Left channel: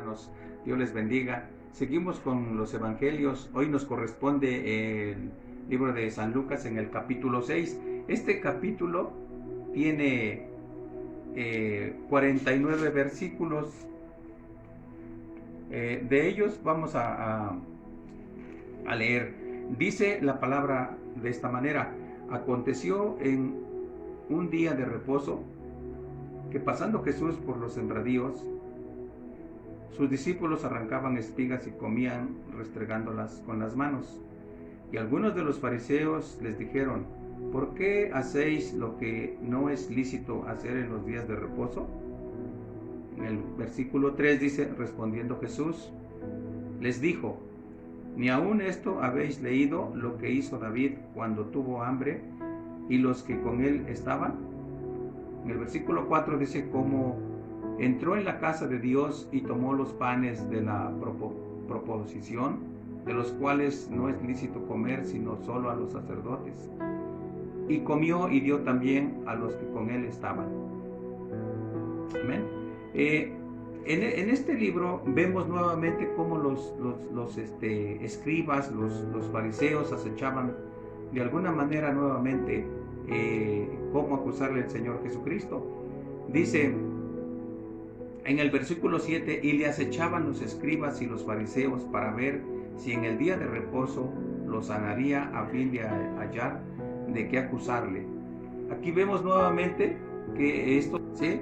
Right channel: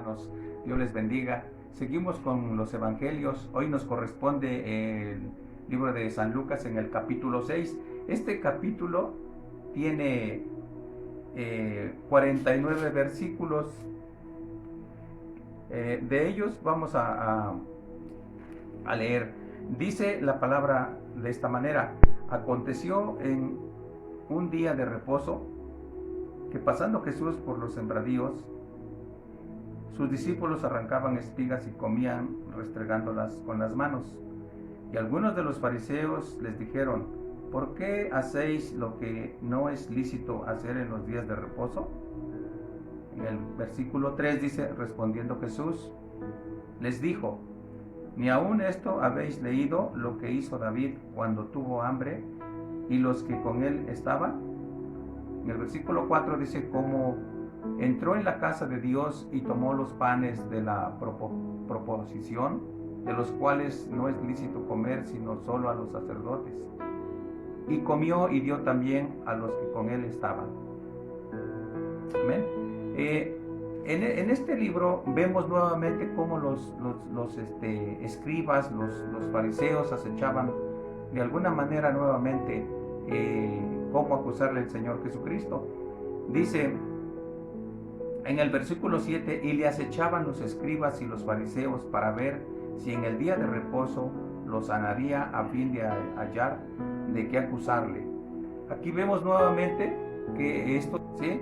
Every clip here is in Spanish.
Hermanos, Dios les bendiga. Seguimos con los evangelios. Hoy nos corresponde el libro de San Lucas en el capítulo 6. Este capítulo tiene 49 versículos. De ellos vamos a leer. Dice la palabra de esta manera: aconteció en un día de reposo que, pasando Jesús por los sembradíos, sus discípulos arrancaban espigas y comían restregándolas con las manos. Y algunos de los fariseos les dijeron: ¿por qué hacéis lo que no es lícito hacer en los días de reposo? En el versículo 3 dice: respondiendo Jesús, les dijo: ¿ni aún esto habéis leído lo que hizo David cuando tuvo hambre y los que con él estaban? En el versículo 4 dice: como entró en la casa de Dios y tomó los panes de la proposición, de los cuales no es lícito comer sino solo a los sacerdotes, y comió y dio también a los que con él estaban. Amén. En este libro vemos nuevamente cómo los escribas, los fariseos acechaban de alguna manera nuevamente cómo acusarle al Señor Jesucristo. Dice en el versículo 7: y le acechaban los escribas y los fariseos para ver si en el día de reposo lo sanaría, a fin de hallar de qué acusarle. Aquí vemos nuevamente que esto, ¿sí?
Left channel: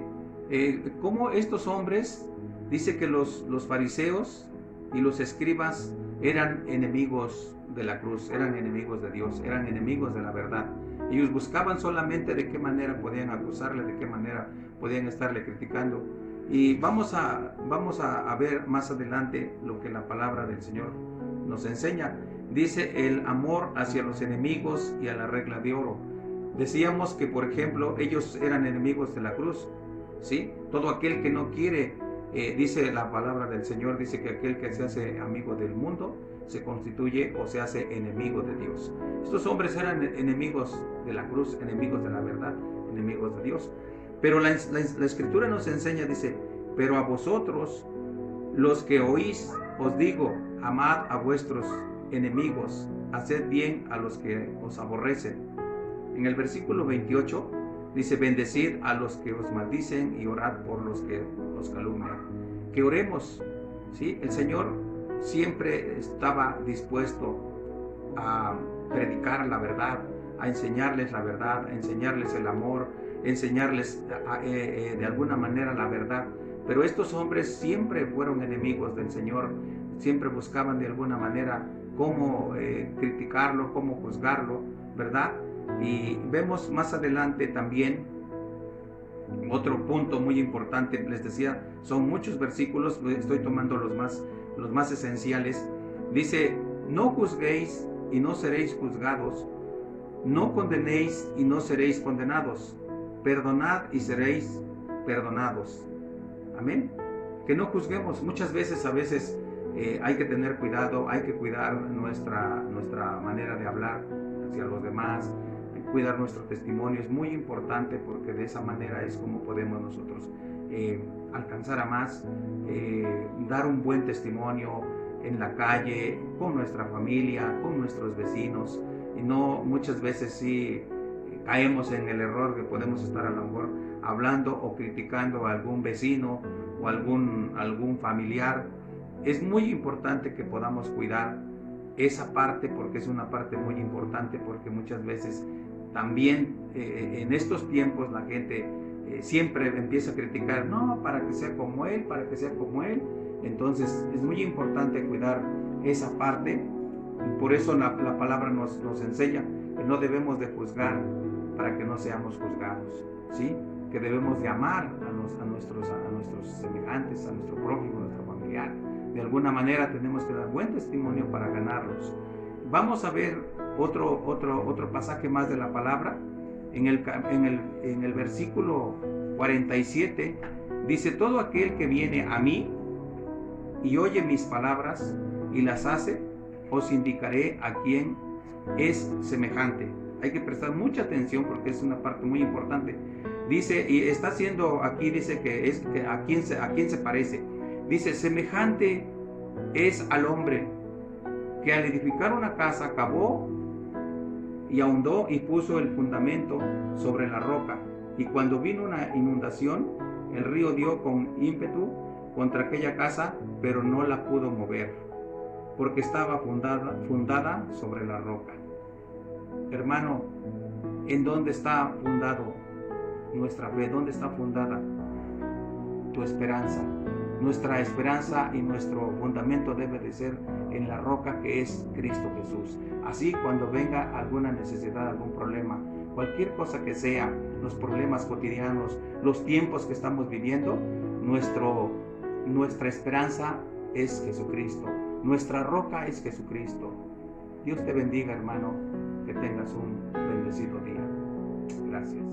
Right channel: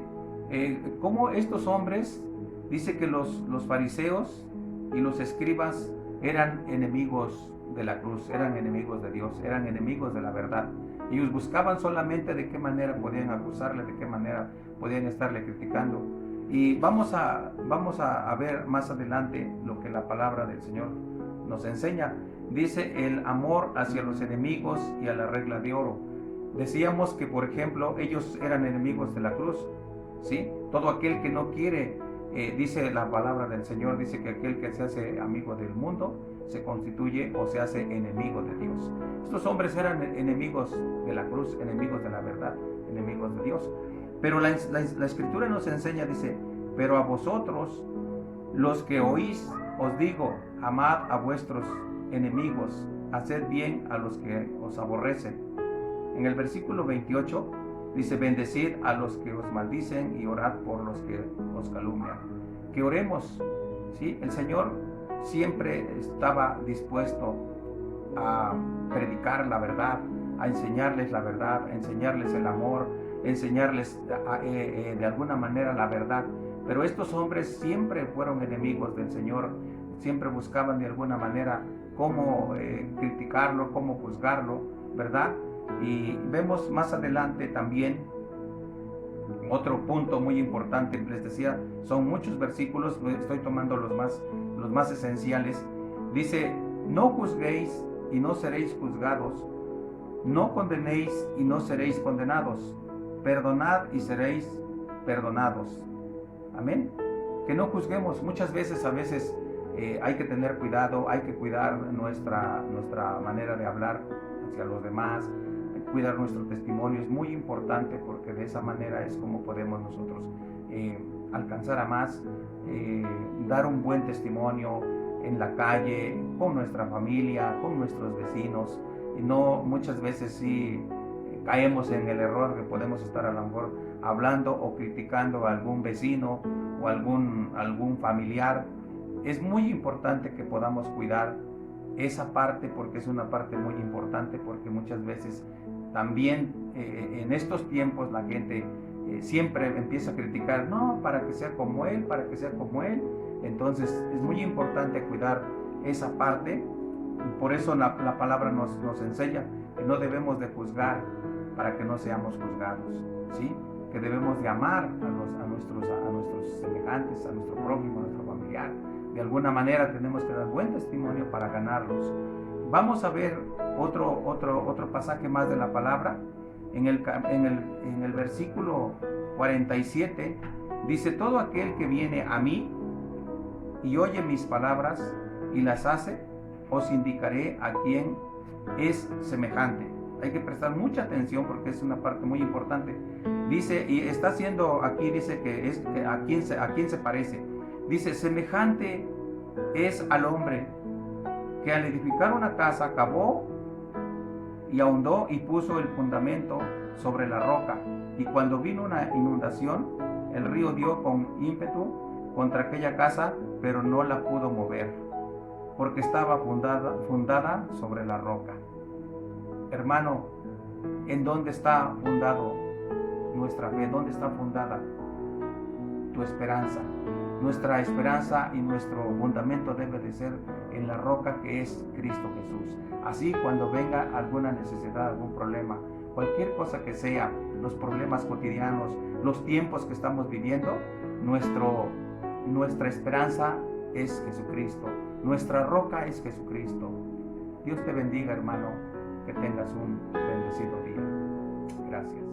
Cómo estos hombres, dice que los fariseos y los escribas eran enemigos de la cruz, eran enemigos de Dios, eran enemigos de la verdad. Ellos buscaban solamente de qué manera podían acusarle, de qué manera podían estarle criticando. Y vamos a ver más adelante lo que la palabra del Señor nos enseña. Dice: el amor hacia los enemigos y a la regla de oro. Decíamos que, por ejemplo, ellos eran enemigos de la cruz, ¿sí? Todo aquel que no quiere, dice la palabra del Señor, dice que aquel que se hace amigo del mundo se constituye o se hace enemigo de Dios. Estos hombres eran enemigos de la cruz, enemigos de la verdad, enemigos de Dios. Pero la Escritura nos enseña, dice: pero a vosotros, los que oís, os digo, amad a vuestros enemigos, haced bien a los que os aborrecen. En el versículo 28 dice: bendecid a los que os maldicen y orad por los que os calumnian. Que oremos, ¿sí? El Señor siempre estaba dispuesto a predicar la verdad, a enseñarles la verdad, a enseñarles el amor, enseñarles de alguna manera la verdad. Pero estos hombres siempre fueron enemigos del Señor, siempre buscaban de alguna manera cómo criticarlo, cómo juzgarlo, ¿verdad? Y vemos más adelante también otro punto muy importante. Les decía, son muchos versículos, estoy tomando los más esenciales. Dice: no juzguéis y no seréis juzgados, no condenéis y no seréis condenados, perdonad y seréis perdonados. Amén. Que no juzguemos. Muchas veces, hay que tener cuidado, hay que cuidar nuestra manera de hablar hacia los demás, cuidar nuestro testimonio. Es muy importante, porque de esa manera es como podemos nosotros alcanzar a más, dar un buen testimonio en la calle, con nuestra familia, con nuestros vecinos. Y no, muchas veces sí caemos en el error que podemos estar a lo mejor hablando o criticando a algún vecino o algún familiar. Es muy importante que podamos cuidar esa parte, porque es una parte muy importante, porque muchas veces también en estos tiempos la gente siempre empieza a criticar: no, para que sea como él, para que sea como él. Entonces es muy importante cuidar esa parte. Por eso la palabra nos enseña que no debemos de juzgar para que no seamos juzgados, ¿sí? Que debemos de amar a nuestros semejantes, a nuestro prójimo, a nuestro familiar. De alguna manera tenemos que dar buen testimonio para ganarlos. Vamos a ver otro pasaje más de la palabra. En el versículo 47 dice: todo aquel que viene a mí y oye mis palabras y las hace, os indicaré a quién es semejante. Hay que prestar mucha atención, porque es una parte muy importante. Dice, y está haciendo aquí, dice que a quién se parece. Dice, semejante es al hombre que al edificar una casa cavó y ahondó y puso el fundamento sobre la roca. Y cuando vino una inundación, el río dio con ímpetu contra aquella casa, pero no la pudo mover, porque estaba fundada sobre la roca. Hermano, ¿en dónde está fundado nuestra fe? ¿Dónde está fundada tu esperanza? Nuestra esperanza y nuestro fundamento debe de ser en la roca que es Cristo Jesús. Así, cuando venga alguna necesidad, algún problema, cualquier cosa que sea, los problemas cotidianos, los tiempos que estamos viviendo, nuestra esperanza es Jesucristo. Nuestra roca es Jesucristo. Dios te bendiga, hermano, que tengas un bendecido día. Gracias.